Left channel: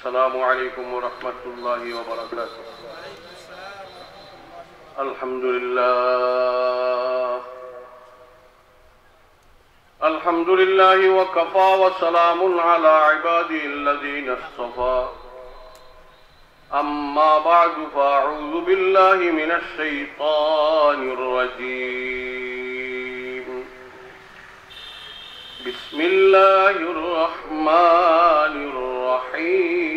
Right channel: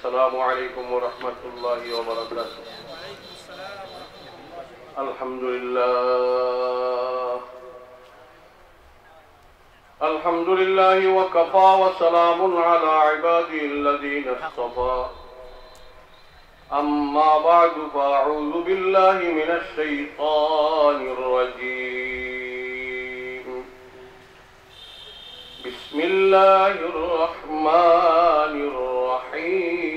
السلام عليكم ورحمة الله وبركاته. الحمد لله وكفى وسلام على عباده الذين اصطفى. أما بعد فأعوذ بالله من الشيطان الرجيم. بسم الله الرحمن الرحيم.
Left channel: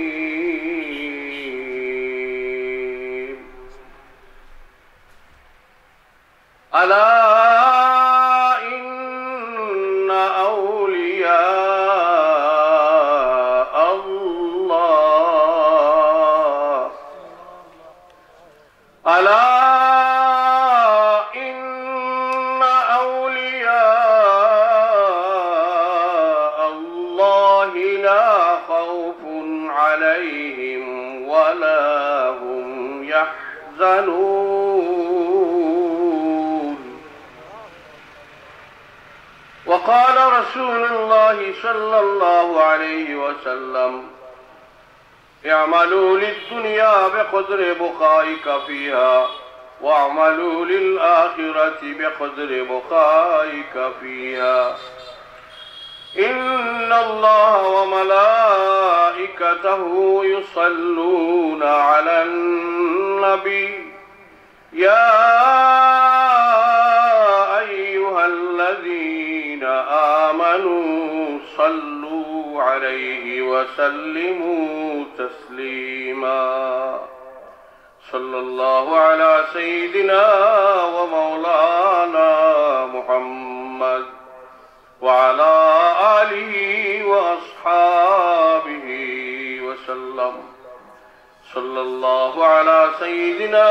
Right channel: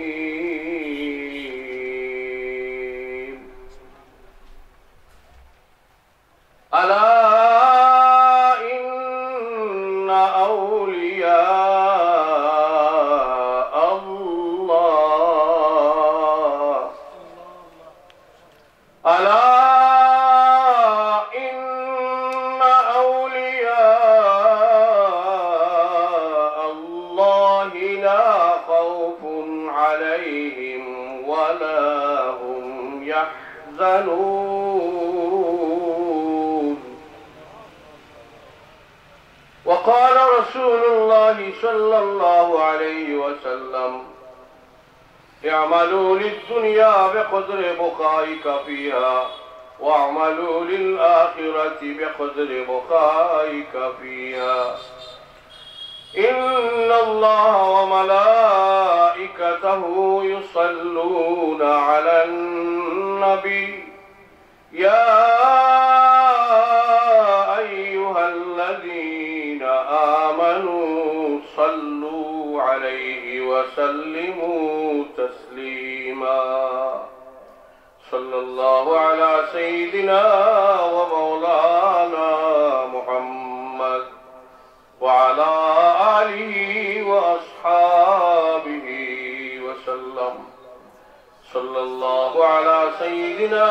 ألا إن أولياء الله ألا إن أولياء الله لا خوف عليهم ولا هم يحزنون. وقال رسول الله صلى الله عليه وسلم: اعملوا للدنيا بقدر بقائك فيها واعملوا للآخرة بقدر بقائك فيها. إن الله وملائكته يصلون على النبي يا أيها الذين آمنوا صلوا عليه وسلموا تسليما. صلى الله على سيدنا ومولانا محمد وعلى آله وأصحابه وسلم. صلى الله على سيدنا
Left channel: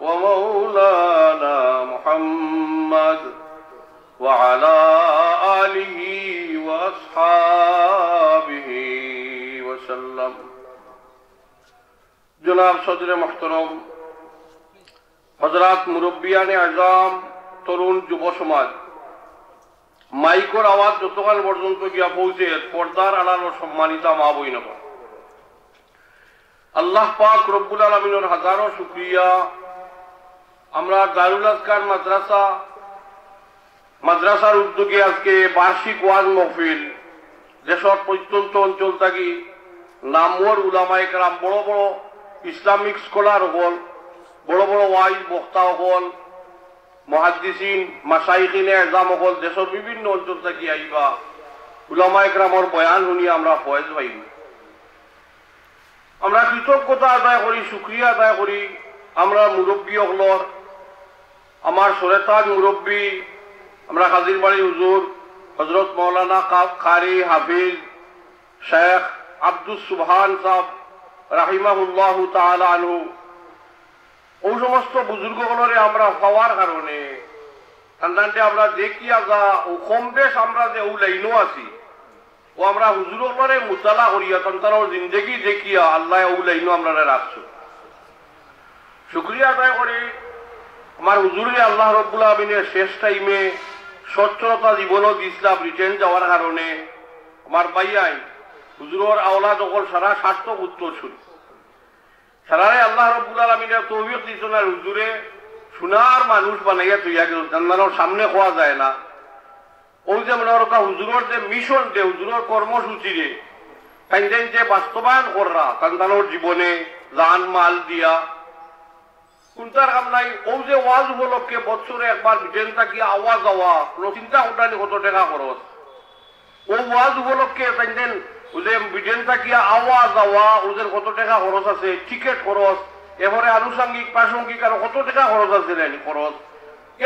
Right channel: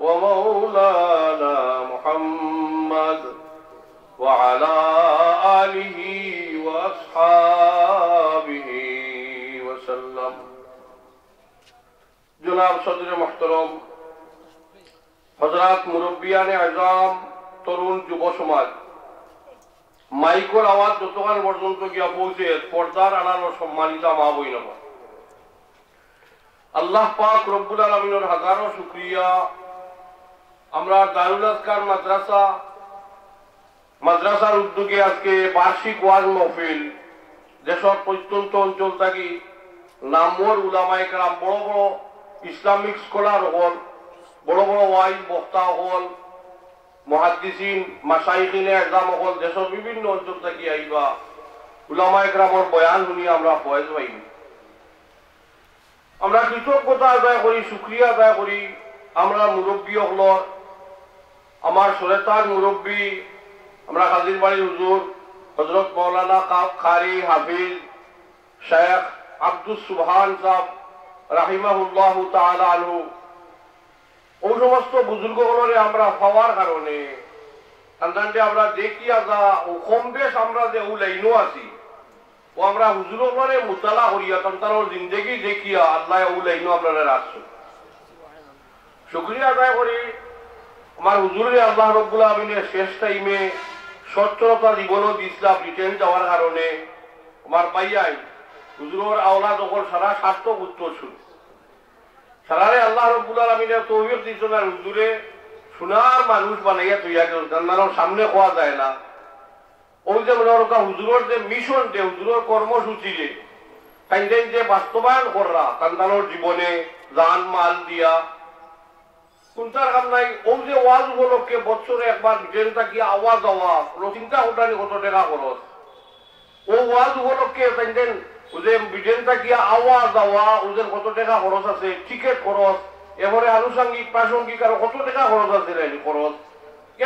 ومولانا محمد وعلى آله وأصحابه وسلم. جناب صدر محترم, हजरात मुरब्बियान आज़म, তরুণ যুব সমাজ, মাইকর আওয়াজ যতক্ষণ পর্যন্ত গিয়া পৌঁছে পর্দার আড়াল সম্মানিতা মা বই নব, আল্লাহ পাক রব্বুল আলামিনের হাজারো শুকরিয়া। আমরা দারুল আজকার মাদ্রাসার উদ্যোগে আজকে বার্ষিক ওয়াজ মাহফিল দেশের প্রত্যন্ত অঞ্চল থাকি নামওয়ার উলামায়ে কেরাম, বড় বড় ইসলামিক স্কলার হল, বড় বড় ওয়াইজ বক্তা হল, মুহাদ্দিসিন মাশাইখিনে আযম হল, দেশের বিভিন্ন অঞ্চল থেকে আইবা উলামায়ে কেরামের বয়ান শুনি আমরা ফয়েজ পাইব। আমরা কৃতজ্ঞতা আদায় করি, শুকরিয়া আদায় করি আমরা মুরব্বী হলর, আমার সরেতাজ মুরব্বী আমরা হাজির বাড়ি হুজুর হযরত মাওলানা কারি হাফিজ শেখ আব্দুস সুবহান সাহেব রাহিমাহুল্লাহ তাআলা আনহু, ওই সমস্ত বুজুর্গগুলোরে আমরা হওয়ার কারণে আন্দাজে আমরা দেখি আগা ও কম বেশ আমরা যে ও লাইনও আছি ও আমরা হুজুরগুলোরে মুতালা করিয়া তার জিন্দেগি দেখিয়া আল্লাহ ও লাইনও আমরা রাখছি। শুকরিয়া আদায় করি আমার হুজুরে আল্লাহ রব্বুল আমিনের শেষ টাইমে সচ্ছলতা জীবনত ইসলাম রিটেন যাওয়ার কারণে আমার ভাইয়াই হুজুরের আওলাদ সকল সারা সার্থক উত্তর শুনি সারারে আল্লাহ রব্বুল আমিনের তৌফিক দিয়েছেন আর হুজুরে সোনার মানুষ বানাইয়া তৈয়া গেল, জান্নাতের সামনে খোয়া যায় না। ওই যে মনে হল হুজুরের যে মিশন, যে হুজুরের কর্মসূচি রে কাইন্দেন যে বাস্তবায়ন করা সন্তানের জীবনে জান মাল দিয়া কোনটার কাম নাই। ও যে ওয়াজ উপলক্ষে বছরে একবার ব্রিটেন থাকি আওয়াজ হওয়া কোনো চিন্তা করতেন কত টাকা খরচ, ও ওয়াজ উপলক্ষে কাইন্দেন ওদের ব্রিটেন থাকি আওয়াজ হওয়া ওদের কত টাকা খরচ আছে, টিকিট খরচ, এবারে আনুষঙ্গিক প্রাসঙ্গিক আর কত টাকা খরচ আছে রে খরচ।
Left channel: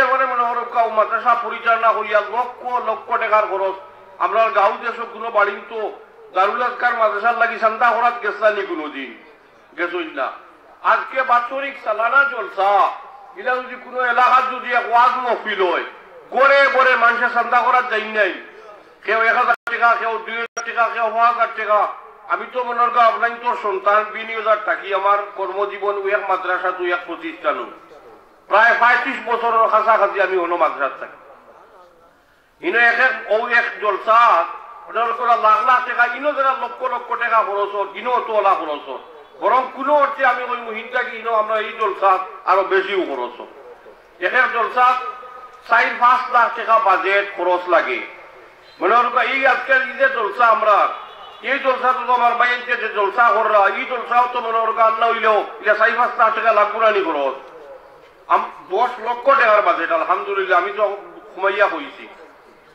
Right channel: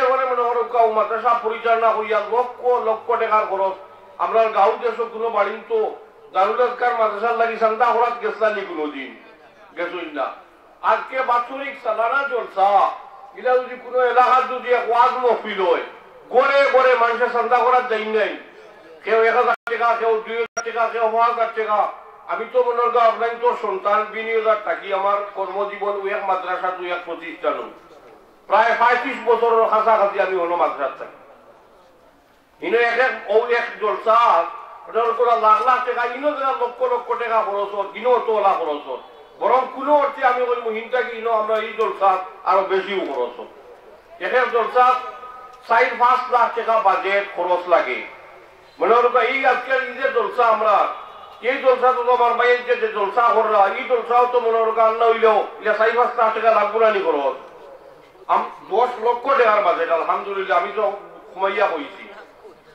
এবারে মনে হল মাদ্রাসা পরিচালনা করিয়া লক্ষ লক্ষ টাকার খরচ। আমরা গাঁও দেশ কোনো বাড়ি তো দারুল আজকার মাদ্রাসার লাগি চান্দা করাত গেছালি কোনোদিন গেছই না। আজকে বাৎসরিক সালানা জলসা এটা যদি কোনো এলাকার যদি এক ওয়াজ মহফিল হয়, গড়ে গড়ে মানুষের চান্দা করার যাই নাই, কেউ 1000 টাকা, কেউ 2000 টাকা, কেউ 1000 টাকা। আমি তো মনে করি আপনার তোর সন্তান 20,000 থাকি আমার কর্মজীবন এক মাদ্রাসা দুই এক প্রতিষ্ঠান প্রায় 35 বছরের কাছাকাছি আমি হলো মাদ্রাসা থাকি। এক জলসা লাখ লাখ টাকা ইনো যারা লক্ষ লক্ষ টাকা খরচ ইনো তোলা খরচ বরং কোনো অর্থে আমি ওই মহিনটা কি ইনো আমরা এই জলসা আরো বেশিও খরচ এখানে জলসা 4-5 লাখ টাকা বাজেট খরচ লাগে মনে করো এই আজকের এই যে জলসা আমরা এই জলসা তো আমার ভাইয়ের যে জলসা কররা এই জলসাও তো মনে করো আল্লাহ হইলেও এটা 4-5 লাখ টাকা লাগবো না নি খরচ 10 লক্ষ টাকার বাজেট আলহামদুলিল্লাহ আমি তো ঘুমাইয়া হয়েছি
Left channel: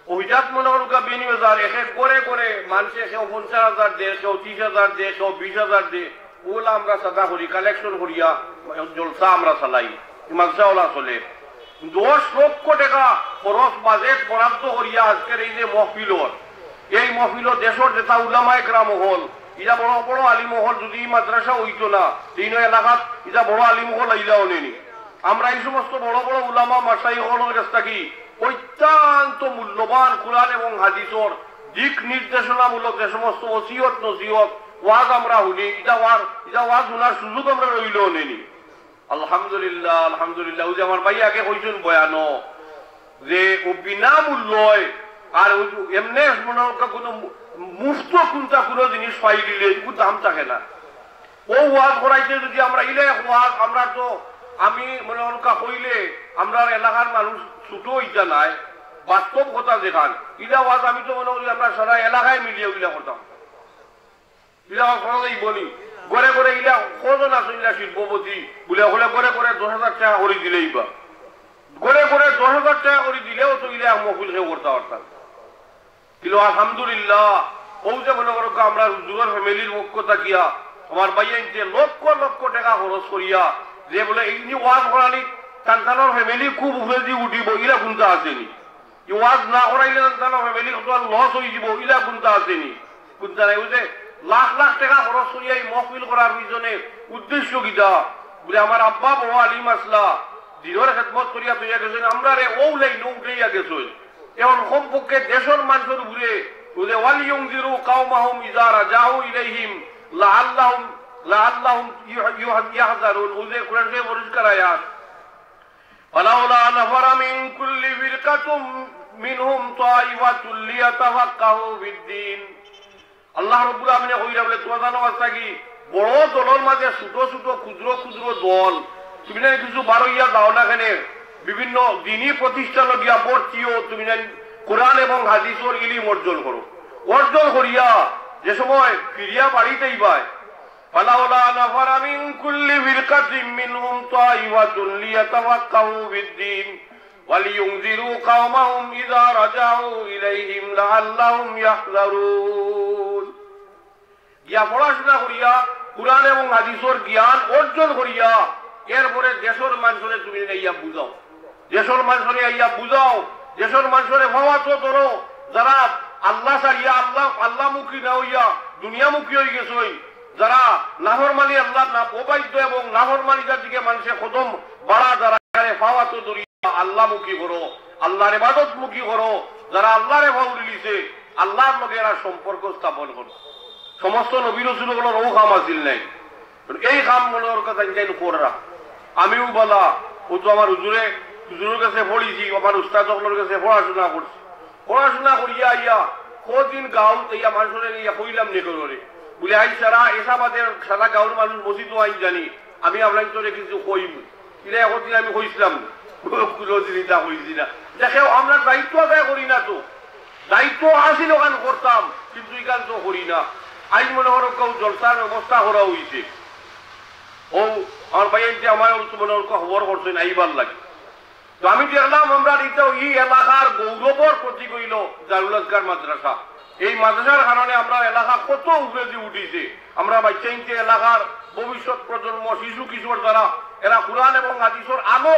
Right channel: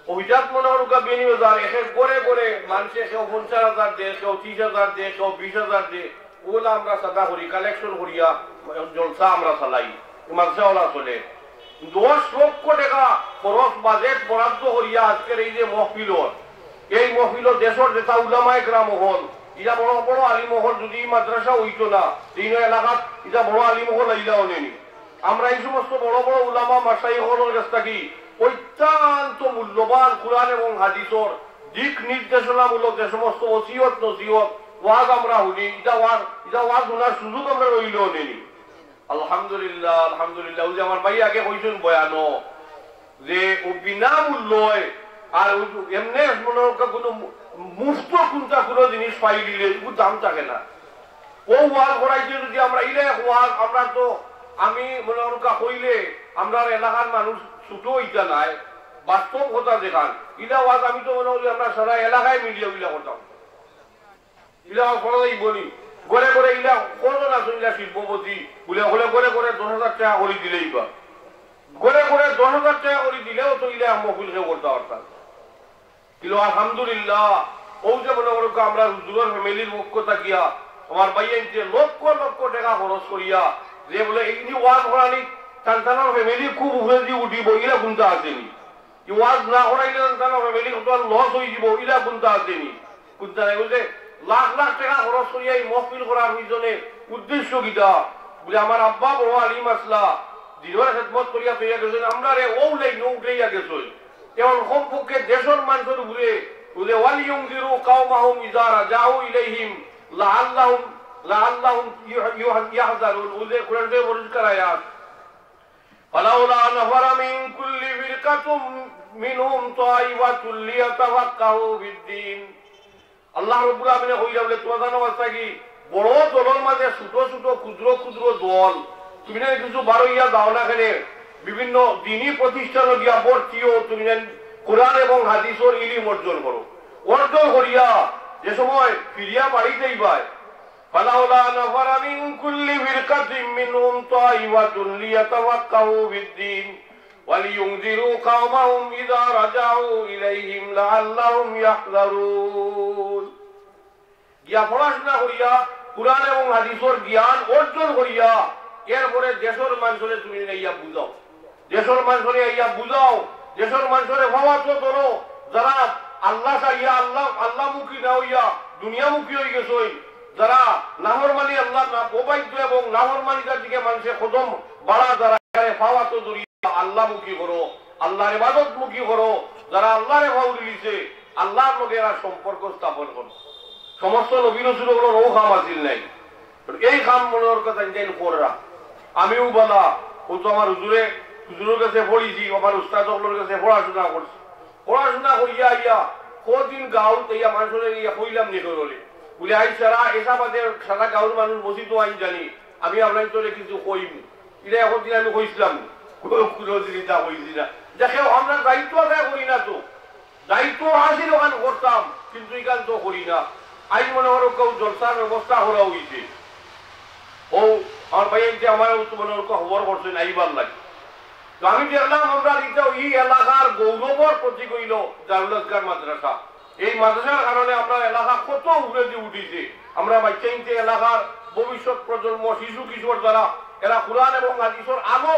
ওইটাত মনে করো বিনিয়োগ এসে করে করে মানুষে কেউ 50,000 দেয় কেউ 30,000 দেয় কেউ 20,000 দেয় ওগুলা আমরা সাদা করি কালেকশন করিয়া জলসা আমরা চালাই মাদ্রাসাওয়ালা চলে 10 লক্ষ টাকা খরচ বাজেট বরাদ্দ করিয়া আজকের এই যে মহফিলর এই মহফিলর দেশের যেটা উলামায়ে কেরাম হল এটা বড় বড় আলিম হল যদি মাদ্রাসা হইতো না তিন এলাকাত এটা বড় আলিম হল আইলাও নেনি আমরা এই সমস্ত বড় বড় উলামা মাশাইখ হলের কাছ থেকে অত্যন্ত মূল্যবান কুরআন এবং হাদিসর দিক নির্দেশনামূলক যে সমস্ত ওসিয়ত নসিহত ওয়াজ আমরা শুনি এটা ওয়াজ শোনার সুযোগ আমরা রইলেও নেনি আলহামদুলিল্লাহ আলহামদুলিল্লাহ ওই যে আমার ভাই আগে কইছেন বয়ানো যে ও বিনামূল্যয় আর এমনি মনে কোনো মুফত কোনটা কোনো জিনিস পাই দিলে এগুলো দাম থাকে না ও ওয়াজ করাইছে যদি আমরা ইলে ওয়াজ আমরা তো আমি মনে অনুকা হইলে আমরা এলাকার মানুষ ছোট ইটা নাই বাস্তব কথা দেখান ইলা ওয়াজ আমি তো মনে হই আমরা সারা এলাকায় মিলিয়ে ইলা করতাম ইলা খরচ বনি ঘরে ঘরে ইলা কজন আছে ইলা শিল্পপতি বলে হলে ঘরে ঘরে 10,000 টাকা করে দিলেই বা ঘরে ঘরে 10,000 টাকা করে দিলেও তো ইলা মহফিলকে করতে পারতাম কিন্তু আলহামদুলিল্লাহ ও যে মনে করো আমরা হুজুরের ফ্যামিলির পক্ষ থাকিয়া আমার ভাইয়ের যে লক্ষ লক্ষ টাকা খরচ করিয়া যে বলে এই যে ওয়াজ করানি তার ফ্যামিলি খুব উপরে দিয়ে উঠিব ইলা গুনতে আসেনি ওয়াজ না করাইলে তার ফ্যামিলি লস হয়ে যাব ইলা গুনতে আসেনি গুনতে নাই বুঝে লাখ লাখ টাকা খরচ করিয়া এই মহফিল করার পিছনে উদ্দেশ্য কিটা বলে আমার আব্বা বড় আলিম আসলা দিনের খেদমত করিয়া তৈরি গেছেন আমরা রে ও লাইন উঠেইয়া গেছেন এখন কমপক্ষে দেশের মানুষের উপরে বুঝে ওয়ালিয়ুনজিরু কাওমাহুম ইযা রাজাউ ইলাইহিম লাআল্লাহুম ইয়াহযারুন বুঝে কোরআনে পরিষ্কার আয়াত ওয়ালাউলা নাফারা মিন কুল্লি ফিরকাতুম মিনহুম তাইফাতুল লিয়াতাফাক্কাহু ফিদ্দীন আল্লাহ রাব্বুল আলামিন কইরা বলে তোমার জানো আছে কি বড় দলের মাঝে ছোট ছোট ক্ষুদ্র ক্ষুদ্র দল তুমি না কিছু বারইয়া দাও না কেন বিভিন্ন দ্বীনি প্রতিষ্ঠান দিয়া ভর্তিও তুমি কোরআন এবং হাদিসের ইলম অর্জন করো অর্জন করিয়া যে সময় ফিরিয়া বাড়িতেই পায় ফালাউলা নাফারা মিন কুল্লি ফিরকাতিন মিনহুম তাইফাতুন লিয়াতাফাক্কাহু ফিদ্দীন ওয়ালিয়ুনজিরু কাওমাহুম ইযা রাজাউ ইলাইহিম লাআল্লাহুম ইয়াহযারুন গিয়া পড়াশোনা করিয়া কোরআন এবং হাদিসের জ্ঞান অর্জন করিয়া এরপরে দেশের মানুষের তুমি ইয়া বুঝাও দেশের মানুষের ইয়া বুঝাও দেশের মানুষের ভাবাত ধরো যারা আল্লাহ চাইয়া আল্লাহ মুখী না হইয়া দুনিয়া মুখী হয়ে গেছে যারা নাফরমানি আল্লাহ না অবাধ্য এবং নাফরমানিটার দিকে মানুষের কদম বাড়া যারা ভাবাত ধরিয়া আল্লাহ মুখী করো আল্লাহর ইবাদত মুখী করো যারা আল্লাহরে ভাও দিলিছে আল্লাহর লগে এরা সম্পর্ক স্থাপন করো সমস্ত নবী রাসূলগুলোর ও কাম আছিল নাই এই কাম মনের কথা জানি করা আমিও বলা ও তো আমার হুজুরের কাছে পড়িছি আমার উস্তাদগুলোর কাছে পড়াশোনা করছি পড়াশোনা করিয়া ইয়া কদিন গাঁও ইয়া মানুষের ইয়া কইলাম নি করে বলে আই সারা এসাবাদের সারা গাঁওর মানুষ বসি তো আই জানি আমি আপনার তোরে কিছু কইম এটা এখন দিন আমি কইছিলাম কুলজিতা কইছি না দেখেও আমরা দায়িত্ব আদায় করি না তো দায়িত্ব আসি দোকান করতাম কিন্তু এখান তো করি না আই মনে করো কেউ জলসার ব্যবস্থা করা হয়েছে ও আমার ভাইয়ের আমার মনে খবর করছেন আইবার লাগে তো আমি দেখলাম আমরা এই এলাকার গৌরবর প্রতীক হইল দারুল আজগার মাদ্রাসা এই মাদ্রাসার কারণে আমরা এলাকা কত উপরে দিয়ে উঠিছে আমরা বাচ্চা এলাকার ভবিষ্যৎ প্রজন্ম শিশু কিশোর দ্বারা এরা কোরআন এবং হাদিসের আলো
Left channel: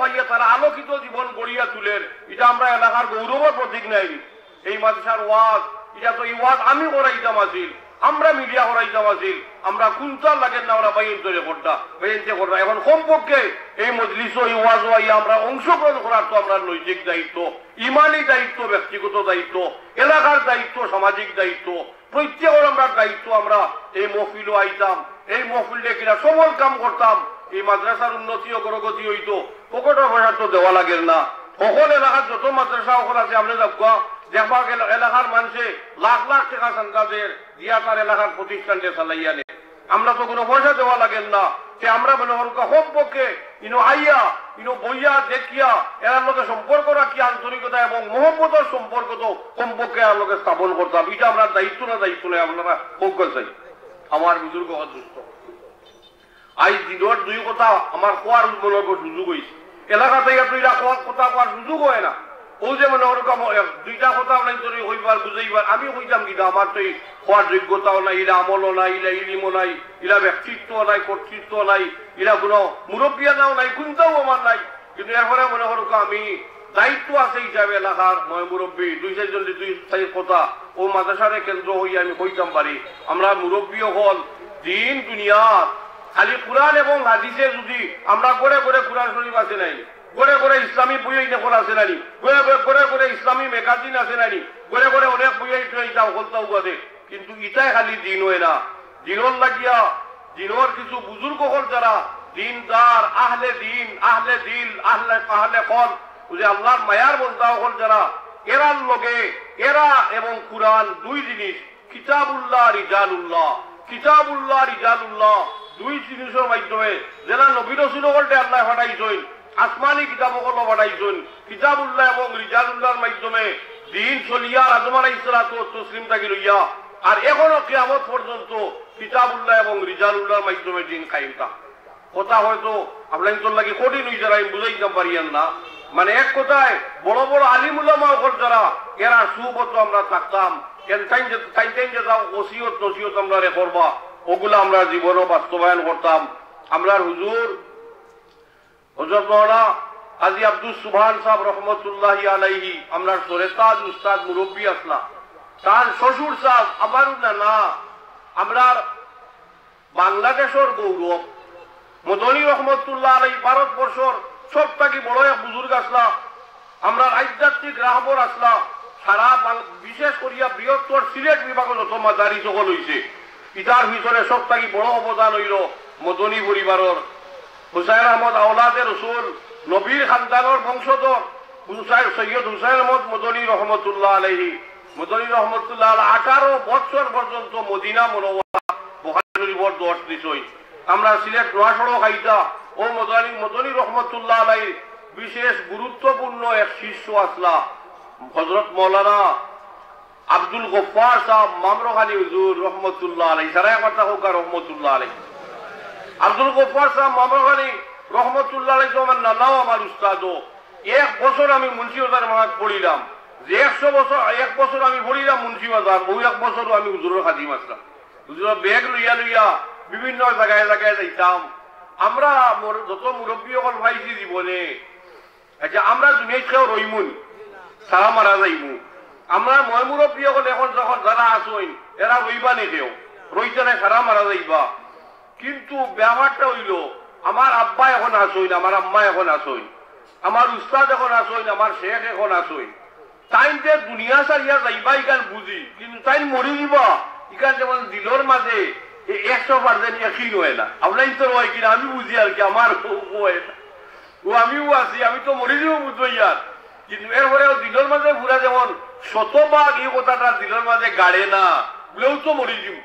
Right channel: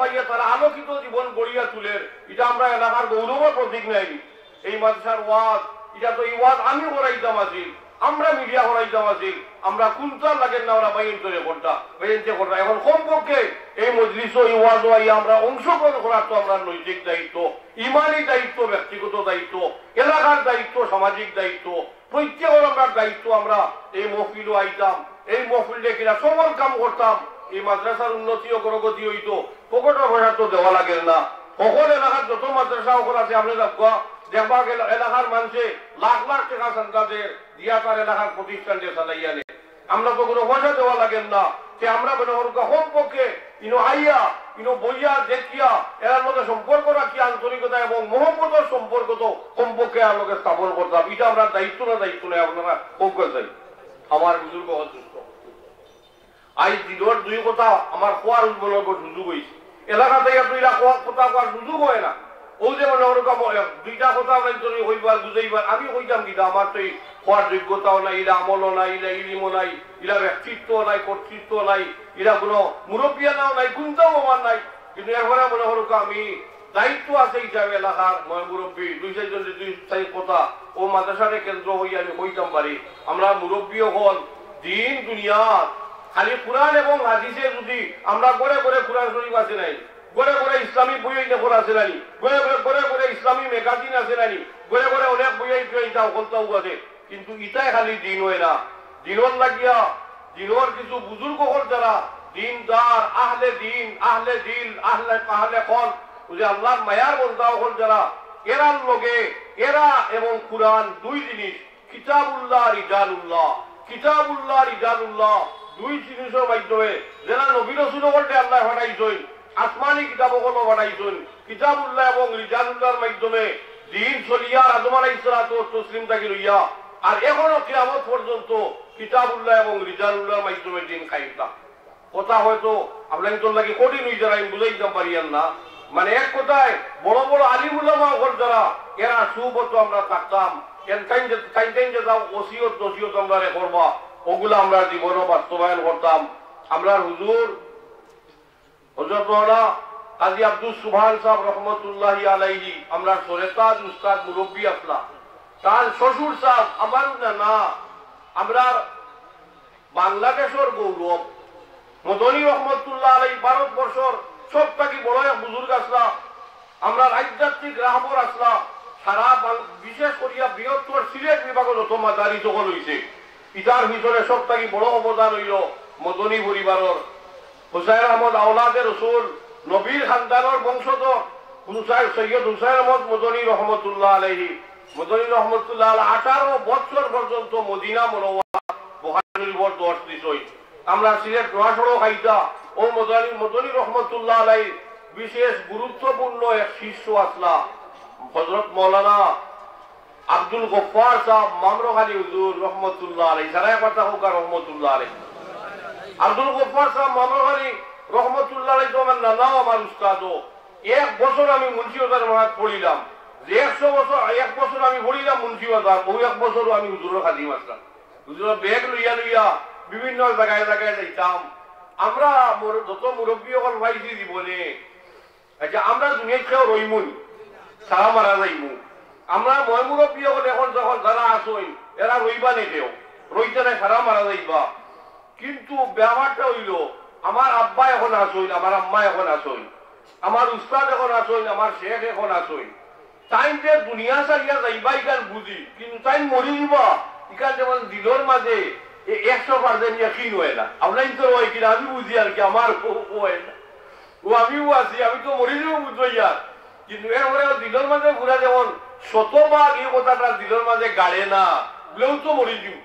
ভাইয়া তারা আলোকিত জীবন গড়িয়া তুলের এটা আমরা এলাকার গৌরবর প্রতীক নাই এই মাদ্রাসার ওয়াজ এটা তো এই ওয়াজ আমি করাইতাম আছিল আমরা মিডিয়া করাইতাম আছিল আমরা কুন্তাল লাগেন না ওরা বাইন তৈরি করতাম এখন কমপক্ষে এই মজলিস ওয়াজ আমরা অংশগ্রহণ করার তো আমরা নৈতিক দায়িত্ব ইমানি দায়িত্ব ব্যক্তিগত দায়িত্ব এলাকার দায়িত্ব সামাজিক দায়িত্ব প্রত্যেকের আমরা দায়িত্ব আমরা এই মহফিলও আইতাম এই মহফিলে কিনা সবল কাম করতাম এই মাদ্রাসার উন্নতি ও অগ্রগতি হইতো পকেটের পয়সা তো দেওয়া লাগে না সকল এলাকার যত মাদ্রাসা সকল আছে আপনি দেখবা গেল এলাকার মানুষে লাখ লাখ টাকা সন্তানদের দিয়া তার এলাকার প্রতিষ্ঠানকে চালাইয়া নেয়। আমরা তো কোনো পয়সা দেওয়া লাগেন না, যে আমরা মনে হল হোম পক্ষে ইনো আইয়া ইনো বইয়া দেখিয়া এর মধ্যে সম্পর্ক রাখি আন্তরিকতা এবং মোহাম্মতের সম্পর্ক তো কমপক্ষে আমাকে স্থাপন করতাম। এটা আমরা দায়িত্ব নেই আপনারা অজ্ঞ চাই। আমার বুজুর্গ অসুস্থ আজ দিনের দুই কথা আমার কোয়ার উদ্বোধন সুযোগ হয়েছে। এলাকা থেকে দুইটা কথা কোয়ার সুযোগ হয় না। ও যে মনে ওরকম দুইটা কথা হইবার বুঝাইবার আমি হইতাম কিনা, আমার তো হওয়ার যোগ্যতাও নাই, ইরা আমলও নাই, ইরা ইলিমও নাই, ইরা ব্যক্তিত্ব নাই, কর্তৃত্ব নাই, ইরা কোনো মুরব্বিয়ানাও নাই, কোনটাও আমার নাই। কিন্তু এরপরে মনে হরক আমি দায়িত্ব আছে হিসাবে এলাকার মুরব্বী দুই চাই কথা ও মাদ্রাসারে কেন্দ্র হইয়া আমি হইতাম পারি। আমরা মুরব্বীও হল দিন দুনিয়া খালি কোরআন এবং হাদিসে যদি আমরা করে করে কোরআন শরীফ আছে নাই, গড়ে গড়ে ইসলামী বই দেখুন আছে নানি, গড়ে গড়ে ইসলামী ম্যাগাজিন আছে নানি, গড়ে গড়ে অনেক বই ইটা হলতাও আছে, কিন্তু ইটাই খালি দিন হয় না। দিনর লাগিয়া দিনর কিছু বুজুর্গ হল যারা দিনদার আহলে দিন আহলে দিল আহলে আহলে কল যে আল্লাহর মায়ার বন্ধা হল যারা, এরার লগে এরা এবং কোরআন দুই জিনিস, কিতাবুল্লাহ রিজালুল্লাহ, কিতাবুল্লাহ রিজালুল্লাহ দুই জিনিসের মাধ্যমে যারা নবী রাসূল বলতে আল্লাহ পাঠাইছেন, আসমানি কিতাবগুলো পাঠাইছেন, কিতাবুল্লাহ এবং রিজালুল্লাহর মাধ্যমে দিন চলিয়া আদম আলাইহিস সালাতু ওয়াস তাসলিম থেকে লইয়া আর এখনো কিয়ামত পর্যন্ত কিতাবুল্লাহ এবং রিজালুল্লাহর মাধ্যমে দিন কায়েমটা। কথা হয়তো আপনাদের তোর লাগে কঠিন হয়ে যারা আমি বুঝাইতে পারিয়ান না। মানে এক কথায় বড় বড় আলিম উলামা হল যারা, এরা সুবত আমরা থাকতাম, ওসিয়ত নসিয়ত আমরা করবা, ওগুলো আমরা জীবনও বাস্তবায়ন করতাম। আমরা হুজুর হযরত মাওলানা কাজী আব্দুল সুবহান সাহেব রহমতুল্লাহি আলাইহি আমরা সরেতাজ উস্তাদ মুরব্বী আসলা, তার শ্বশুর সাহেব আমার না আমরা বাংলাদেশের গৌরব মদনী রহমতুল্লাহ আলাইহি ভারতবর্ষর সব থেকে বড় এক বুজুর্গ আসলা, আমরা আধ্যাত্মিক রাহবর আসলা, সারা বিশেষ করিয়া বৃহত্তর সিলেট বিভাগের যত মাদারি সকল হয়েছে, ইটার ভিতরে সব থেকে বড় অবদান হইল মদনী পরিবারের হুসাইন আহমদ আওলাদে রসুল নবীর খানদানের বংশধর সৈয়দ হুসাইন আহমদ মদনী রহমতুল্লাহ আলাইহি, মদনী রহমতুল্লাহ 18 বছর পর্যন্ত মদিনা মুনাওয়ারা বুখারী শরীফের দর্শ দিছই। আমরা সিলেট নোয়াশড়ও খাইতা ও মদনী রহমতুল্লাহ আলাইহি বিশেষ গুরুত্বপূর্ণ এক শিষ্য আসলা হযরত মাওলানা আব্দুল গফফার সাহেব মামরখালী হুজুর রহমতুল্লাহ আলাইহি, সারা কথা হোক রহমতুল্লাহ আলাইহি। আব্দুল গফফার সাহেব মামরখালী রহমতুল্লাহ আলাইহি তো আমার নানাও আমার উস্তাদও। এক বছর আমি মুন্সিবাজার মহাজ পড়িলাম, যে 100 বছর এক বছর আমি পড়িলাম মুন্সিবাজার, বহু এক বছরও আমি হুজুরের খাদিম আসলাম। হুজুরের ব্যাগ লইয়া লইয়া বিভিন্ন জায়গায় জায়গায় যাইতাম। আমরা যত মুরব্বী হল ভাইছি জীবনে, আচ্ছা আমরা দুনিয়ায় কেউ রইমুন সারা মারা যাইমু, আমরা ময় মুরব্বী হল এখন যখন যারা আসইন এরা রইবা নে কেউ রইতে নাই সারা মারা যাইবা। কিন্তু ব্যাপারটা হইল আমার আব্বা এখন আসইন, আমার আম্মা এখন আসইন, আমার উস্তাদ এখন আসইন, আমার শেখ এখন আসইন, তাই যে দুনিয়া সারিয়া যাইবা ইকান বুঝি, কিন্তু তাই মরি দিবা ইকান যেমন দিলর মাঝে 100% ইয়াকিন হয় না। আপনাই তো হয় কিনা আমি বুঝি আর কি, আমার হয় না, ও আমিও আছি, আমি তো মরি দিব বুঝবো ইয়ার, কিন্তু এরপরে দিলর মাঝে ঘুরা যেমন শতভাগ এই কথাটা দিলর মাঝে গাড়ে না, বলেও তো মরি দিব।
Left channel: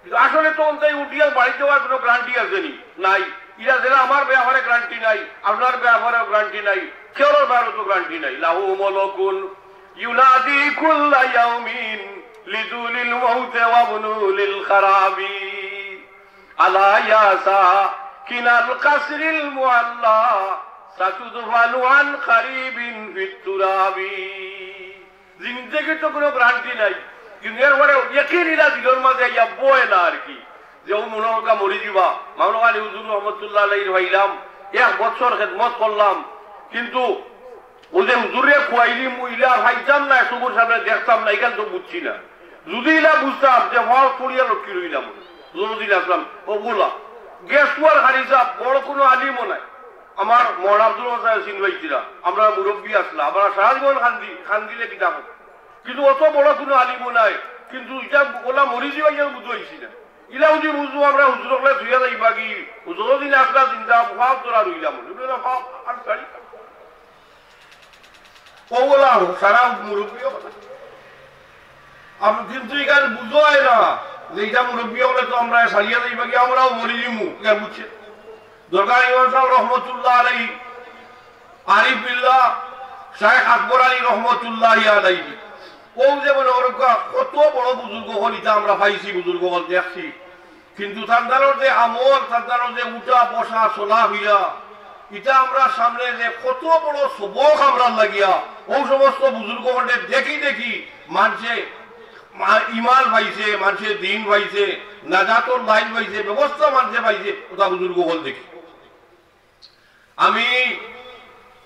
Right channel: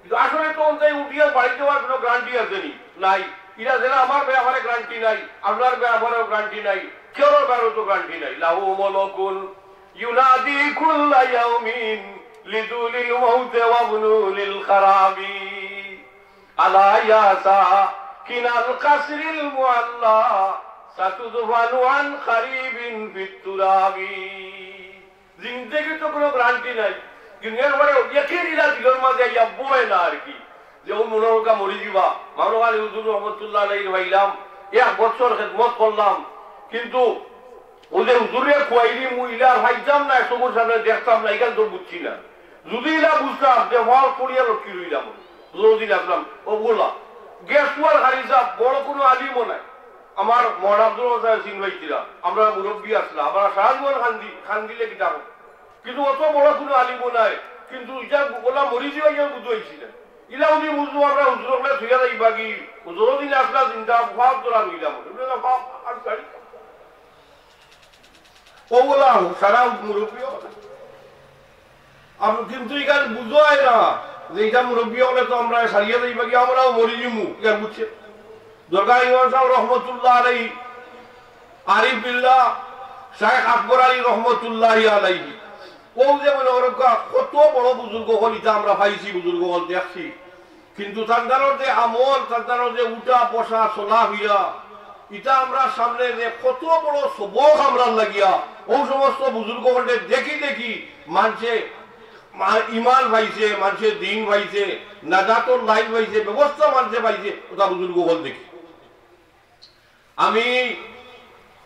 কিন্তু আসলে তো তাই উঠিয়ার বাড়ি যাওয়ার কোনো গ্যারান্টি আছে নি নাই, ইরা যেটা আমার ব্যাপারে গ্যারান্টি নাই, আপনার ব্যাপারেও গ্যারান্টি নাই, কেউ ব্যাপারেও তো গ্যারান্টি নাই। লাহু মালাকুন ইউনাদি কুল্লা ইয়াউমিন লিদুলিল মাউতি ওয়া বুনুলিল খারাবি আলা ইয়াসা কিনাল কাসরিল মুআল্লা সাতুদফানু আন কারিবিন ফিত তুরাবি। জিন্দেগি তো কোনো গ্যারান্টি নাই, কিন্তু এরপরে ইয়াকিনিরা দিলের মাঝে ইয়া বয় না আর কি, যে ও মনোকা মরি দিবা। মাওলানা হুজুর রহমতুল্লাহ আলাইহি ভাইলাম 1 বছর খেদমত করলাম, কিন্তু ওদের হুজুরে খুয়াইলি মুইলা ভাইতাম না, সবুর সামনে দেখতাম না, এখান তো বুঝছি না। যদি না বুঝতাম যে হওয়ার পড়িয়া রক্ষী রইলাম, যদি রাখলাম ও বললাম গ্যাস কুয়ার হারিসা বড় কোনো আলিমও নাই। আমার মহান আব্দুল মাসাহ সিং ভাইছিরা আমরা মুরব্বী আসলাম, আমরা সারা জীবন খান দিলে কিতাব, কিন্তু অত বড় কোনো আলিমও নাই। কিন্তু এটা গোলা মরি যাওয়া গিয়ে বুঝতে হয়েছি না, ইলা যদি বুঝবো আমরা হুজুরকে ধুইয়া যাইবা কি, হুজুরও দিন আসলা চিন্তা ভাব তোরা রইলাম ওগুলা সারা মুরব্বী আমি কিন্তু এখানে বুঝোয় না যে এটা মুরব্বী হলে তো আমরা সারিয়ে দিই বাকি আমরাও মরি দিমু এখানে বুঝছে দরকার ইমাম সাহেব রহমতুল্লাহ আলাইহি আরিফ বিল্লাহ শাইখ আকবর আলী রহমতুল্লাহ আলাইহি ও যেমন ওরকা কত বড় বুজুর্গ হল এটা আমরা পাইছি বুজুর্গ হল দেখছি কিন্তু তাদের যে আমল তাদের যে উঠা বসা চলা হইয়া এটা আমরা সামনে যে কত বড় সবক আমরা লাগিয়া ও সমস্ত বুজুর্গ হলে দেখি দেখি মানুষে ইমান পাইছে মানুষের দিন পাইছে নাজাতর লাইন পাইছে ব্যবস্থা মানুষে পাইছে ওটা বুজুর্গ হল দেখি আমি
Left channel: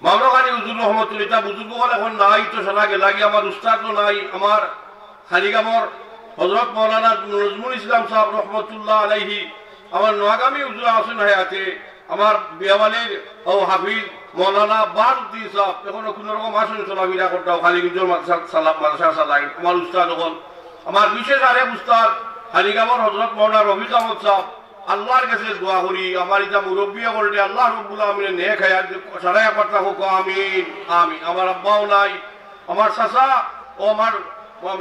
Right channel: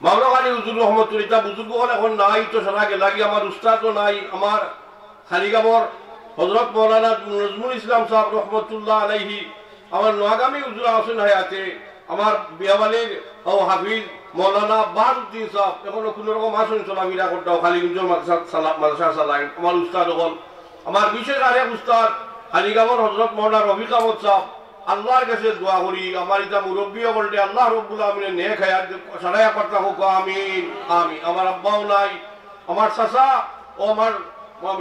মামলাখানি হুজুর রহমতুল্লাহ বুজুর্গ হল এখন নাই তো সারা গেলাগি আমার উস্তাদও নাই আমার খালিগামর হযরত মাওলানা নজরুল ইসলাম সাহেব রহমতুল্লাহ আলাইহি আমার নোয়াগামী হুজুর আছেন হায়াতে আমার বিয়াবালের ও হাফিজ মাওলানা বারউদ্দিন সাহেব এখন কোন রকম আসন চলাফেরা করতাম খালিগঞ্জের মাদ্রাসা চালায় আমার উস্তাদ হল আমার বিশেষ আরেক উস্তাদ খালিগামর হযরত মাওলানা রফিক আহমদ সাহেব আল্লাহর কাছে দোয়া করি আমার এটা মুরব্বী বলতে আল্লাহ রব্বুল আমিনের নেক হায়াত সারায়া করতে হোক আমিন আমিন আমার আব্বাও নাই আমার চাচা ও আমার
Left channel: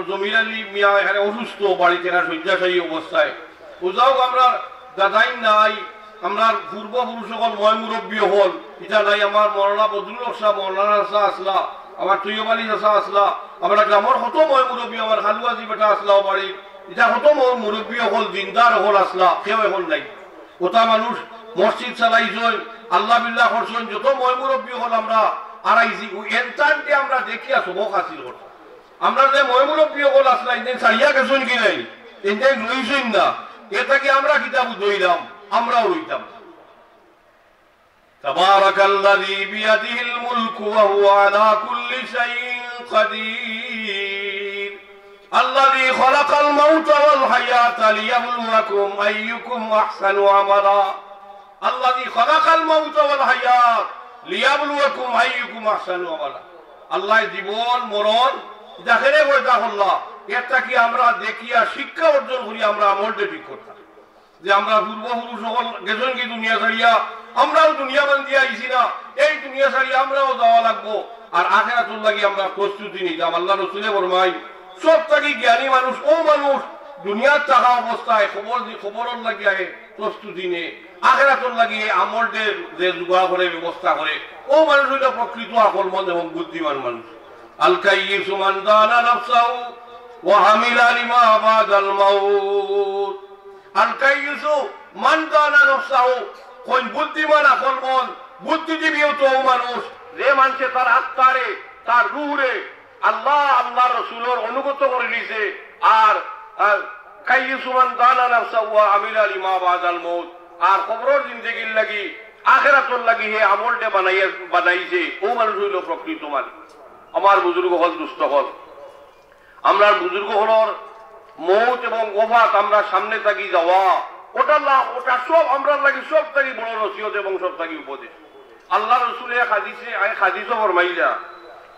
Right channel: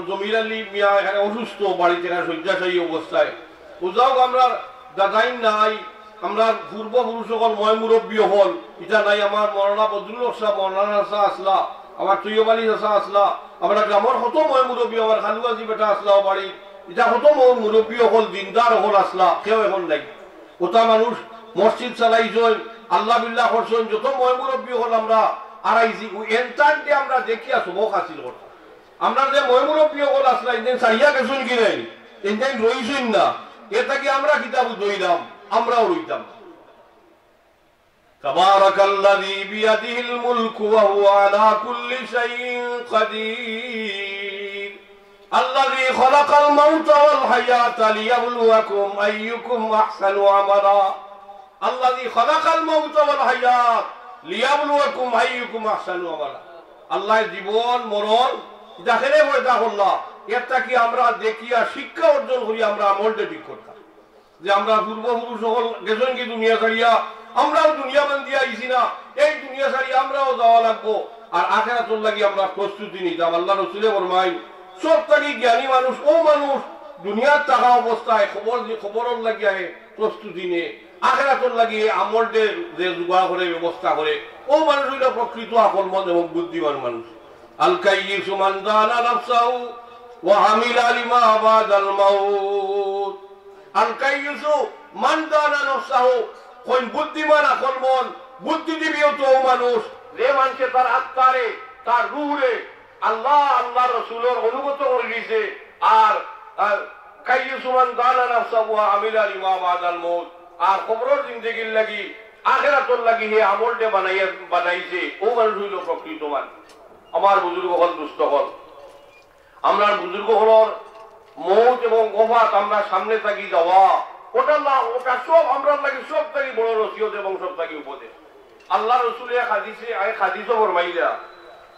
জমির আলী মিয়া এখানে অসুস্থ বাড়িতে শয্যাশায়ী অবস্থায় ওজাও আমরা দাদাই নাই আমরা পূর্বপুরুষ সকল ময় মুরব্বী হল এটা নাই আমার মৌলানা বদরুল হক সাহেব মৌলানা চাচা আসলা আমার তৈয়ব আলী চাচা আসলা আমরা গ্রামের কত ময় মুরব্বী আমার খালুয়াজি বেটা আসলা বাড়ি এটা কত মুরব্বী হল দিনদার হল আসলা কেউ এখন নাই ওটা মানুষ মসজিদ চালাইছেন আল্লাহ বিল্লাহ করছেন যত ময় মুরব্বী হল আমরা আড়াইছি এনটানকে আমরা দেখিয়া সবক হাসিল করছি আমরা যে ময় মুরব্বী হল আসলা ইন্দিন সারিয়া গেছেন কি নাই ইন্দিন রইছেন না এটাকে আমরা কিতাব দইলাম আমরাও রইতাম তাবারাকাল্লাযী বিয়াদিহিল মুলকু ওয়া হুয়া আলা কুল্লি শাইইন কাদির الذي خلق الموت والحياة ليبلوكم أيكم أحسن عملا الذي خلق الموت والحياة ليبلوكم أيكم أحسن عملا الله জীবন মরণ দেখেনে বলতা আল্লাহ এটা কি আমরা দেখিয়া শিক্ষা অর্জন করি আমরা আমলটা ঠিক করতাম যে আমরা পূর্বপুরুষ সকল গেছেন কি দুনিয়া ছাড়িয়া আমরাও দুনিয়া বান্ধিয়া আইছি না এই দুনিয়া ছাড়িয়া আমরাও যাওয়া লাগবো আর আখিরাতুল লাগি আমরা প্রস্তুতি নিতাম আল্লাহ রাসূলে ফরমায় সব থেকে জ্ঞানী মানুষ ও মানুষ দুনিয়ার থাকা অবস্থায় খবরের লাগিয়ে প্রস্তুতি নে আখিরাতের লাগিয়ে আমলদের যে জোগাড় করে ব্যবস্থা করে ও মানুষ হইল প্রকৃত আকলমন্দ এবং বুদ্ধিমান মানুষ আল কাইয়িসু মান দানা নাফসাহু ওয়া হামিলা লিমা বাদাল মাউত আল কাইয়িসু মান দানা নাফসাহু কোন বুদ্ধিমান আকলমন্দ বুদ্ধিজীবী তো মানুষ যে মানুষে তার আত্মারে তার রূহে আল্লাহ আল্লাহ রাসূলের অনুগত করে দিয়েছে আর কাইয়ুসুমান দানা নাফসাহু ওয়া আমিলা লিমা বাদাল মাউত আর কবরের জিন্দেগির লাগি আখিরাতের লাগি হে আমলটা বানাইছে ও মানুষ হইল প্রকৃত মানুষ আমার বুজুর্গ হল দুস্থ হল আমরা বুজুর্গ হলর মৌত এবং ওফাত আমরা সামনে থাকি যাওয়া ওটা না ওটা সব আমরা লাগি সব থাকি বড় নসিহত এবং সব থাকি উপদেশ আল্লাহ রাসূলের হাদিসে ফরমাইলা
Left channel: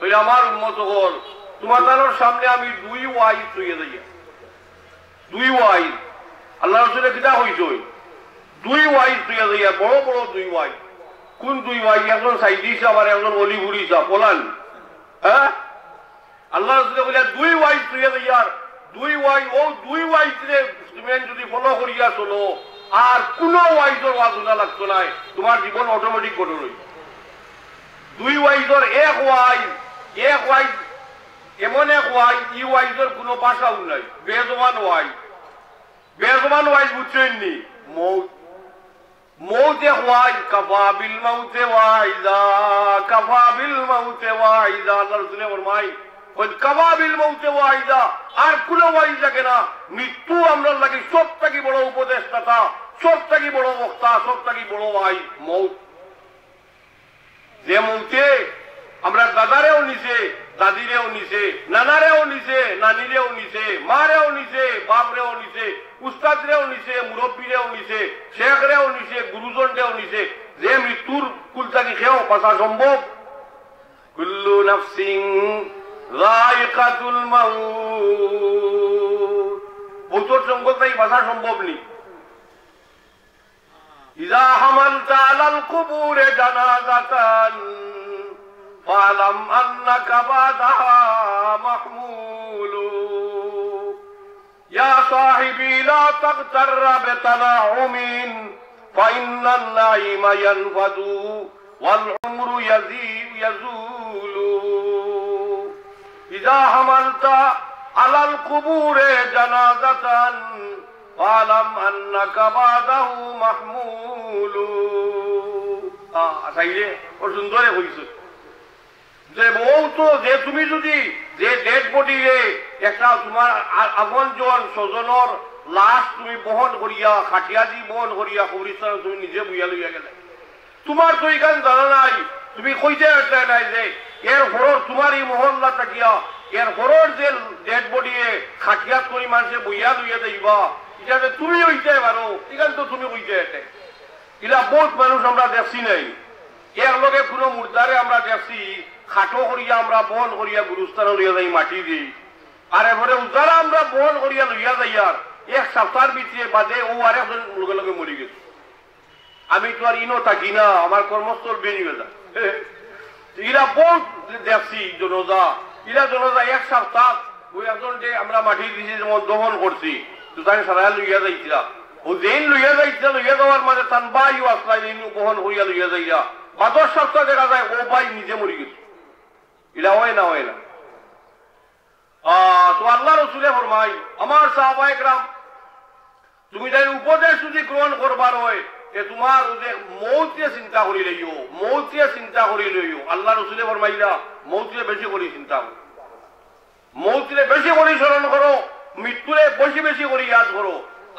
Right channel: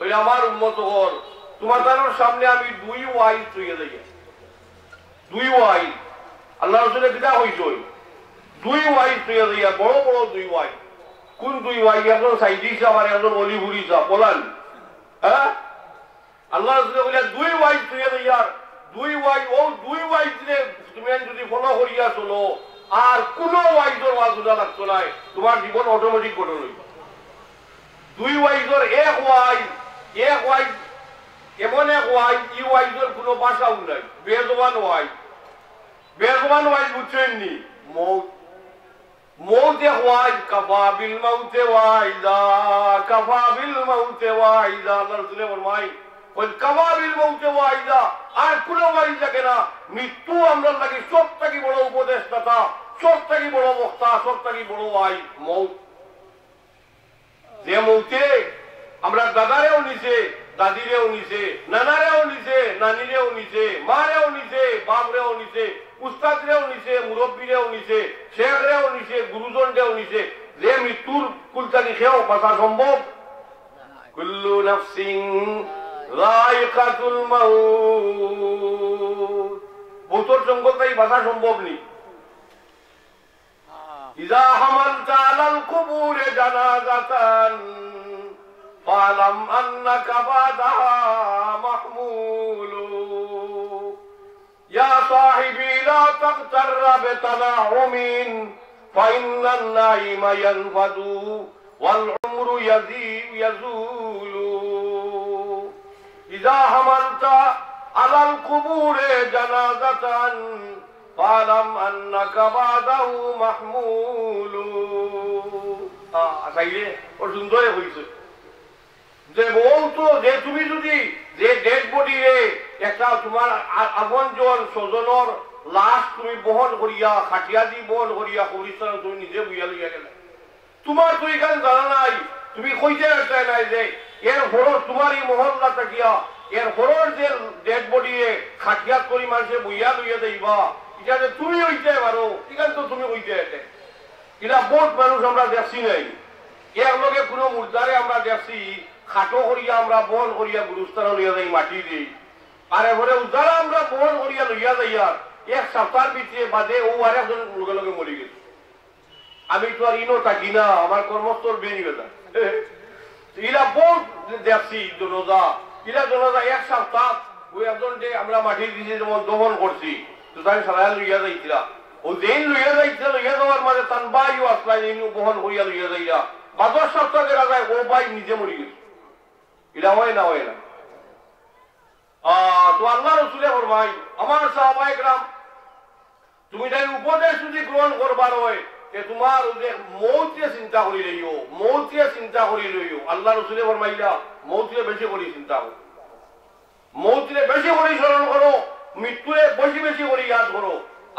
ওই আমার উম্মত হল তোমাদের সামনে আমি দুই ওয়াইজ তুইয়ে যাই দুই ওয়াইজ আল্লাহ রাসূলের কিতাব হইছে দুই ওয়াইজ তুইয়ে যাই বড় বড় দুই ওয়াইজ কোন দুই ওয়াইজ একজন সাইদি সাহেব আর একজন অলিভুরি সাহেব বলান হ্যাঁ আল্লাহ রাসূলের বলে দুই ওয়াইজ তুইয়ে যাই আর দুই ওয়াইজ ও দুই ওয়াইজ রে তুমি যদি ফলো করিয়া চলো আর কোন ওয়াইজের বাজুদা লাগতো না তোমার জীবন অটোমেটিক করে লই দুই ওয়াইজের এক ওয়াইজ এমন এক ওয়াইজ ই ওয়াইজের কোন ভাষাও নাই বেজবান ওয়াইজ বুঝছেন নি মৌত এক ওয়াইজ কাফা বিল মাউতে ওয়াইজা আল্লাহ রাসূলের ফরমায় ওই কাফা বিল মাউতে ওয়াইজা আর কোন ওয়াইজ থাকে না মৃত্যু আমরা লাগে সব থেকে বড় উপদেশদাতা সব থেকে বড় বক্তা সব থেকে বড় ওয়াইজ মৌত যে মৌতে আমরা দাদারেও নিছে দাদিরেও নিছে নানারেও নিছে নানিরেও নিছে মারেও নিছে বাপরেও নিছে উস্তাদরেও নিছে মুরব্বীরেও নিছে শেখরেও নিছে গুরুজনরেও নিছে যে মৃত্যুর কুলতানি খেয়েও বাঁচা সম্ভব কুল্লু নাফসিন যায়িকাতুল মাউত মৌতের সঙ্গতাই বাঁচা সম্ভব নেই ইযা হামালতা আলাল কুবুরে জানাজাতান ফালাম আন্নাকা বাদাহা মাহমুলুন ইয়া সাহিবি লা তাগতাররা বিতানাউমিন ফাইন্নাল নাইমা ইয়ানফাদু ওয়াল উমরু ইয়াজুলু ইযা হামালতা আলাল কুবুরে জানাজাতান ফালাম আন্নাকা বাদাহু মাহমুলু। আসাইলে ও সুন্দর হইছে যে বউ তো যে তুমি যদি যে ডেড বডি একটা তোমার আপনজন স্বজনের লাশ তুমি বহন করিয়া খাটিয়া দি বহন করিয়া কবরস্থানে তুমি নিজে বুঝা লইয়া গেলে, তোমার তো এখানে জানা নাই, তুমি কইতে নাই যে এর ঘর তোমার এই মহল্লা থাকিয়া এর ঘরের যে ডেড বডি খাটিয়াত করি মানুষে বইয়া লইয়া যাইবা, এটা তুমি হইতে পারো, এখানে তো তুমি হইতে এটা বহুত মানুষ আমরা দেখছি নাই। এর লগে কোনো মুর্দারে আমরা দেখছি খাটো করিয়া আমরা বহন করিয়া গুরুস্থান লইয়া যাই মাটি দিই, আর এবারে যারা আমরা বহন করিয়া লইয়া যাইয়া এক সপ্তাহের ভিতরে বাদে ও আর একজন লগে লগে মরি গেছে। আমি তো আর ইনো থাকি না, আমার কর্মস্থল বেরিয়ে গেছে। এরা বহুত দেখছি জনতা, এরা জনতা এক সপ্তাহ ওই একজন যে আমরা মাটি দিয়েছি যেমন দহন করছি তো তাই সারা লইয়া যাইছিলা, ও যেন লইয়া যাইছিল লইয়া যাওয়ার মাঝে তার বাইও আসলা বহন করিয়া লইয়া যাইয়া বা 10 সপ্তাহ দেখা যায় ও বাই নিজে মরি গেছে। এটা হয় না, হয় না। তো আল্লাহ রসুলে ফরমাই আমার সাহাবায়ে কেরাম তুমি তাই উপদেশ যদি গ্রহণ করবার হয় তোমার যে মৌতিয়ে চিন্তা করি লইও, মৌতিয়ে চিন্তা করি লইও। আল্লাহ রসুলে ফরমাইলা মৌতিয়ে বেশি করে চিন্তা করো, মৌতিয়ে বেশি করে স্মরণ করো, মৃত্যুরে বেশি বেশি করে ইয়াদ করো।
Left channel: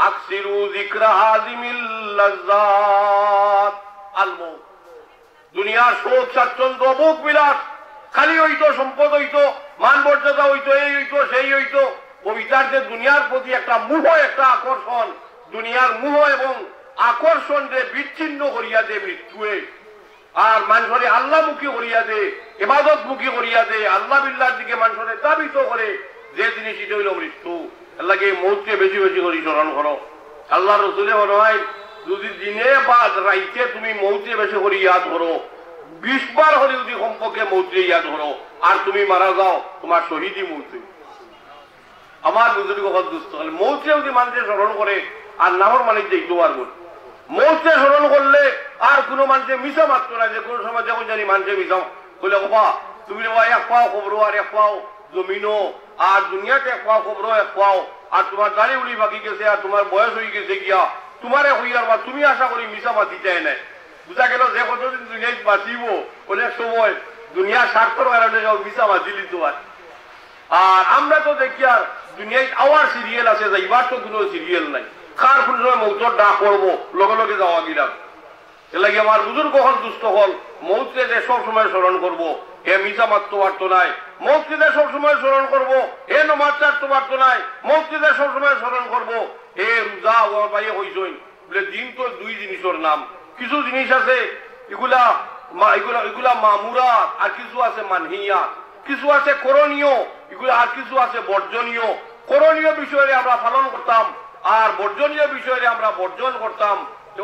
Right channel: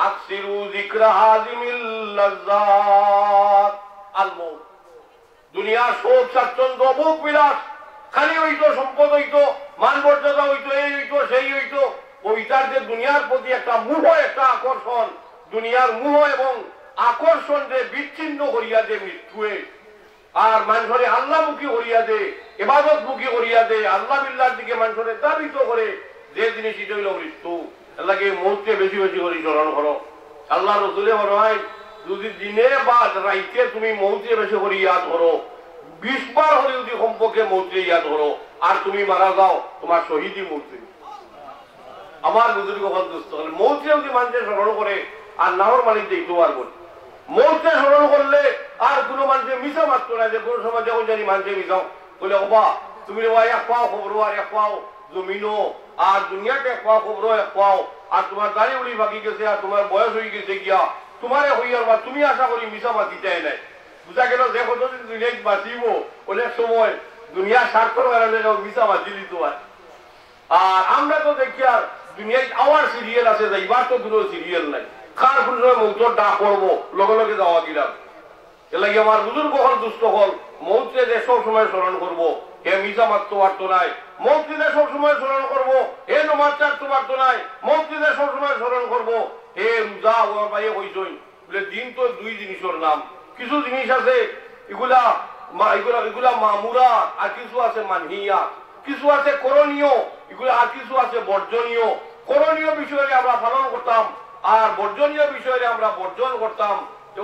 আকসিরু যিকরা হাযিমিল লাযযাত আল মউত। দুনিয়ার সুখ স্বাচ্ছন্দ্য ভোগ বিলাস খালি হইতো, সম্পদ হইতো, মান মর্যাদা হইতো, এই হইতো সেই হইতো, ওইটার যে দুনিয়ার প্রতি একটা মোহ, একটা আকর্ষণ, দুনিয়ার মোহ এবং আকর্ষণ যে বিচ্ছিন্ন করিয়া দে মৃত্যুয়ে, আর মানুষরে আল্লাহমুখী করিয়া দে, ইবাদতমুখী করিয়া দে, আল্লাহ বিল্লাহর দিকে মানুষরে দাবিত করে যে জিনিস এটা হইল মৃত্যু। আল্লাহকে মৌতকে বেশি বেশি করে স্মরণ করো। আল্লাহ রসুলে মনে হয় যদি দিনে বা রাইতে তুমি মৌতকে বেশি করে ইয়াদ করো, 20 বার হলে যদি সম্পর্কে মৌতকে ইয়াদ করো, আর তুমি মারা যাও তোমার শহীদই মৌতে। আমার বুঝলি কথা দুস্থ হলে মৌতকে যদি মানুষের স্মরণ করে আর নাহর মালিক দেখতে পারবো, মৌতকে স্মরণ করলে আর কোনো মানুষের মিশা মাত্র না, যে কোনো সময় যখন জানি মানুষের মিশাও বলে বাবা তুমি এক পাও খবর আর এক পাও জমিনও, আর দুনিয়াতে এক পাও খবর এক পাও, আর তোমার দাঁড়িয়ে উড়ি বাকি গেছে, আর তোমার বয়স হয়ে গেছে গিয়া তোমারে হইয়ার বা তুমি আশা করি মিশা মাতি চাই নাই। বুঝা গেল যে কতদিন দুনিয়ায় বাঁচিব অনেক সময় দুনিয়া স্বার্থর কারণে মিশা মাতিলি তোমার। আর আমরা তো দেখি আর দুনিয়ায় আওয়ার সিরিয়াল আছে, যাইবার তো কোনো সিরিয়াল নাই, খার ফুলের মৌতর ডাক করবো লগে লগে যাওয়া গিলাম। এ লাগে আমার বুজুর্গ হল দুস্থ হল মৌতকে যে সব সময় স্মরণ করবো, এ মিশা মারতে পারতো নাই, মৌতকে সব সময় স্মরণ করবো, এ নমাজ চারতে পারতো নাই, মৌতকে সব সময় স্মরণ করবো, এ রোজা ওর বাইরে হইছই বলে। দিন তো দুই জিনিসের নাম, কিছু জিনিস আছে এগুলা এগুলা মামুরা, আর কিছু আছে মানহিয়া, কিছু আছে করণীয়, এগুলা আর কিছু আছে বর্জনীয়। করণীয় বিষয়ে আমরা পালন করতাম আর বর্জনীয় বিষয়ে আমরা বর্জন করতাম,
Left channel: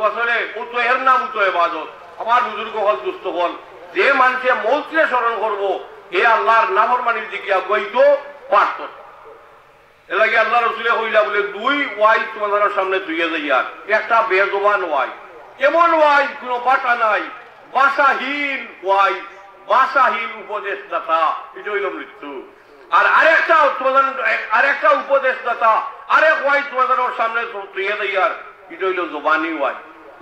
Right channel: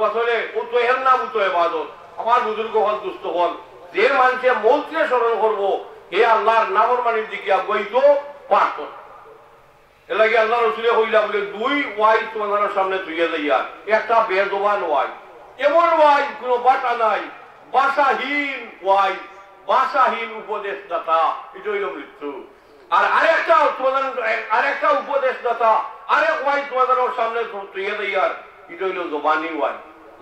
আসলে উত্তহের নাম উত্তর ইবাদত। আমার বুজুর্গ হল দুস্থ হল যে মানুষের মৌতকে স্মরণ করবো, হে আল্লাহর নাফরমানির দিকে বইতো পারত। এ লাগে আল্লাহ রসুলে কইলা বলে 2 ওয়াই তোমাদের সামনে তুইয়া যাইয়া, একটা বেজবান ওয়াই, এমন ওয়াই কোন বাটা নাই, ভাষাহীন ওয়াই, ভাষাহীন উপদেশদাতা, এটা হইল মৃত্যু। আর আরেকটা উপদেশদাতা, আরেক ওয়াই তোমাদের সামনে তুইয়া যাইয়া, এটা হইল জবানি ওয়াই,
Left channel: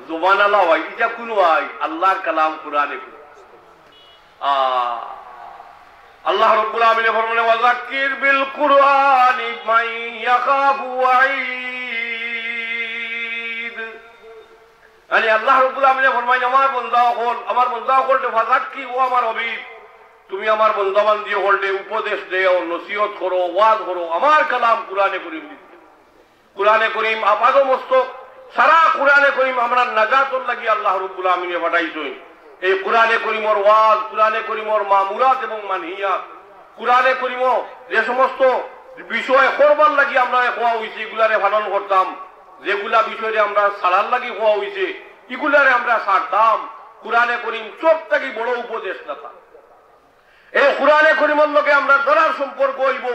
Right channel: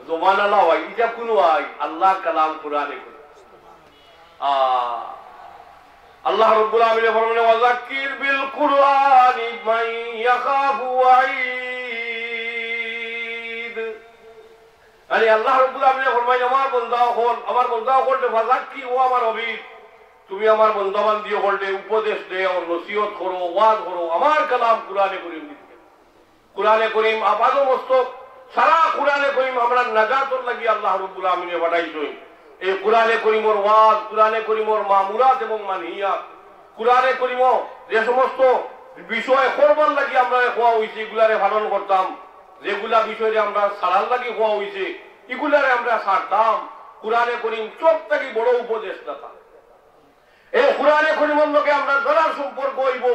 জবান আল্লাহ ওয়াই। এটা কোন ওয়াই? আল্লাহ কালাম কোরআনে। আল্লাহ রাব্বুল আলামিন ফরমানে ওয়াযাক্কির বিল কুরআনি মান ইয়াখাফু ওয়াঈদ। মানে আল্লাহ রাব্বুল আলামিন ফরমায় আমার বান্দা হল, আমার বান্দা হল ওয়াযাক্কি, ও আমার হাবিব তুমি আমার বান্দাবান দিয়ে হলতে উপদেশ দেও, নসিহত করো, ওয়াজ করো। আমার কালাম কোরআনে করিম, কোরআনে করিম আপাদ মস্তক সারা কোরআনে করিম আমরা নাজাতর লাগি আল্লাহ রাব্বুল আলামিন পাঠাইছেন। এই কোরআনে করিমর ওয়াজ, কোরআনে করিমর মামুরাত এবং মানহিয়াত, কোরআনে করিম যে সমস্ত বিষয় করবার লাগি আমরা হওয়া হয়েছে এগুলারে পালন করতাম, যেগুলা বিষয়ে আমরা সারার লাগি হওয়া হয়েছে এগুলারে আমরা সারতাম। কোরআনে করিম সব থেকে বড় উপদেশদাতা। এই কোরআনে করিমর লোকে আমরা ধরার সম্পর্ক হইব,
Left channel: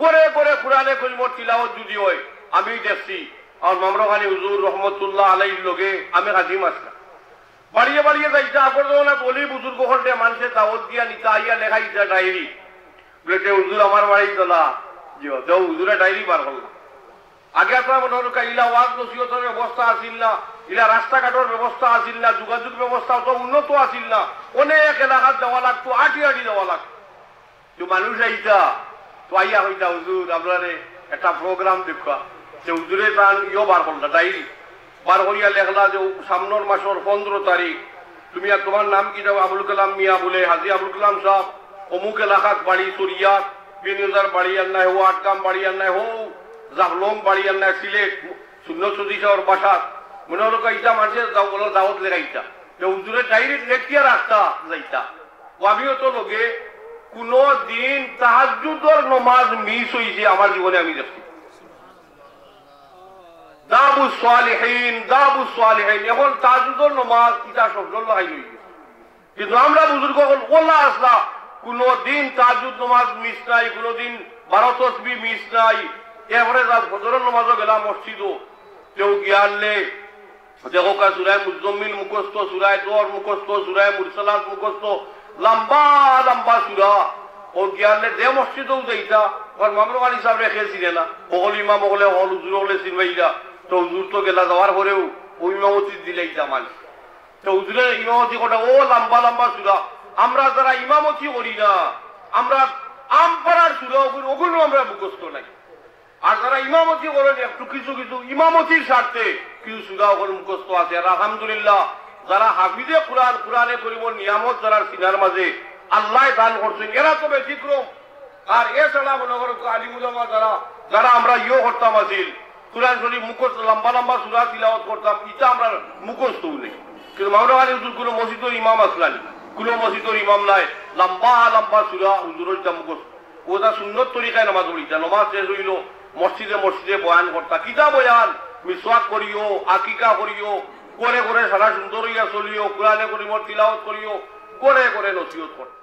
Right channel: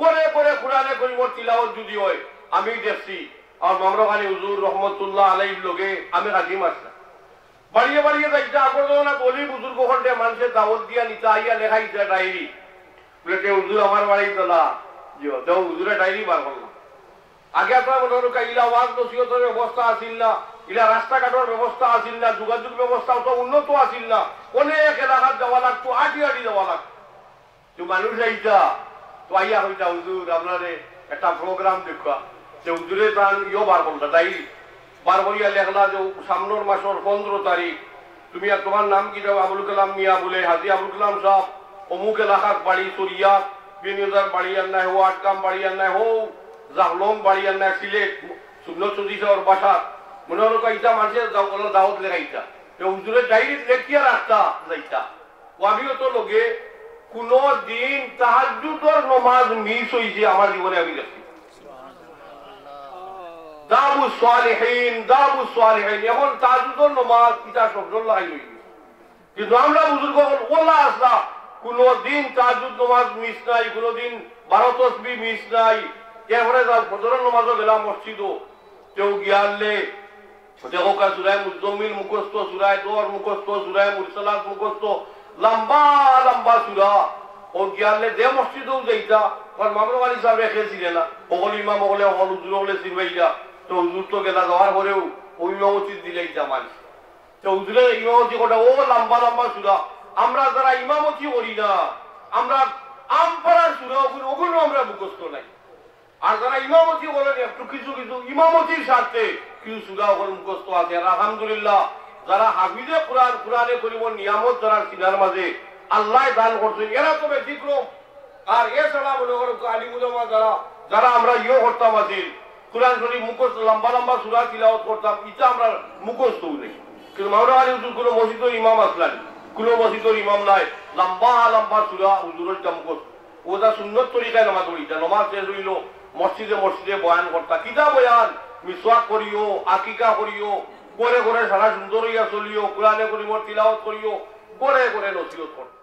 গড়ে গড়ে কোরআনে করিমর তিলাওয়াত যদি হয় আমি দেখছি আর মামরখানি হুজুর রহমতুল্লাহ আলাইহির লগে আমি কাজিম আসলাম বাড়িয়ে বাড়িয়ে যাইতে আগর না বলি বুজুর্গ খন্ডে মানুষের দাওয়াত দিয়া নিতে আইয়া লেখাইছে ডায়েরি বলে কেউ হুজুর আমার বাড়িতে না যে হুজুরে ডায়েরি বার করলো আগে আপনার মনে হল ইলা ওয়াজ নসিহতের ব্যবস্থা আসিল না ইলা রাস্তাঘাটের ব্যবস্থা আসিল না যোগাযোগ ব্যবস্থা তো উন্নত আসিল না অনেক এলাকাত যাওয়া লাগতো আটি আটি যাওয়া লাগতো তো মানুষ আইতা তো আইয়া হইতা হুজুর আপনারে একটা প্রোগ্রাম দেখা যে হুজুরে তান ইয়ে বার করলো ডায়েরি বার করিয়া লেখলা যে সামনের মাসের 15 তারিখ তুমি আর তোমার নাম কি যাও আবুল কালাম মিয়া বলে হাজি আবুল কালাম সাহেব অমুক এলাকাত বাড়ি সরিয়া বিনিয়োজার বাড়ি আর নাই হো আটকাম বাড়ি আর নাই হো জাহলম বাড়ি আর নাই সিলেট শূন্য চৌদিশার বাসাত মনে হলো ইটা মানুষের দাওয়াত লেখাইতা হুজুরের ডায়েরি লেখিয়া রাস্তা যাইতা ও আমিও তো লোকে কোন দিন তাহাজ্জুদের নামাজ মিস হইছে আমার জীবনে আমি দেখছি দাবু সালিহিন এখন তাহাজ্জুদের নামাজ ইটা শব্দ লাগাই হইছে কিন্তু আমরা বুজুর্গ ওলা আসলা কোনদিন তাহাজ্জুদ নামাজ মিস নাই কোনদিন 12 তাসবিহ মিস নাই এরপরে ফজরের নামাজও গেলাম মসজিদও কেউ গিয়ালে দেখো কা সূরায়ে মুজাম্মিল মুখস্থ সূরায়ে দোর মুখস্থ সূরায়ে মুরসালাত মুখস্থ লম্বা লম্বা সূরা ও গিয়ালে দে মসজিদও যাইতা আর মামলাওয়ালি সাহেব রেখেছিলেন না ওগল ইমাম ওগলে হল হুজুর ওগলে সিনবাইলা তো হুজুর তো গেলা যাওয়ার পরেও ওই ইমামতি দিলেইতা মানে তো হুজুরে ইমামতি কোটা ও লম্বা লম্বা সূরা আমরা যারা ইমামতি করি না আমরা আমপাড়ার সূরা ওগুলো আমরা মুখস্থ নাই আর যারা ইমামতি করেন একটু কিছু কিছু ইমামতির স্বার্থে কিছু সূরা ওগুলো মুখস্থ আছে আর আলহামদুলিল্লাহ যারা হাফিজে কোরআনে করিমর নিয়ামত যারা সিনার মাঝে আল্লাহ দান করছেন এরা তো ব্যতিক্রম আর এছাড়া মনে করো আলিমুলামা যারা আমরা করতাম আছিল কোরআন শরীফ মুখস্থ লম্বা লম্বা সূরা তিলাওয়াত করতাম এটা আমরা মুখস্থ নেই কিন্তু মাওলানা হুজুর কোনো মসজিদের ইমাম আসলেন কোনো মসজিদের ইমাম নাই লম্বা লম্বা সূরা হুজুরের মুখস্থ ওটা সুন্নত তরিকায় নামাজ পড়িতা নামাজ শেষ হইল মসজিদে মসজিদে বয়ান করতা কিতা বয়ান মিসওয়াক করিও আকিকা করিও করে করে সারা সুন্দর হইয়া চলিও কোরআনে করিমর তিলাওয়াত করিও করে করে নসিহত করতা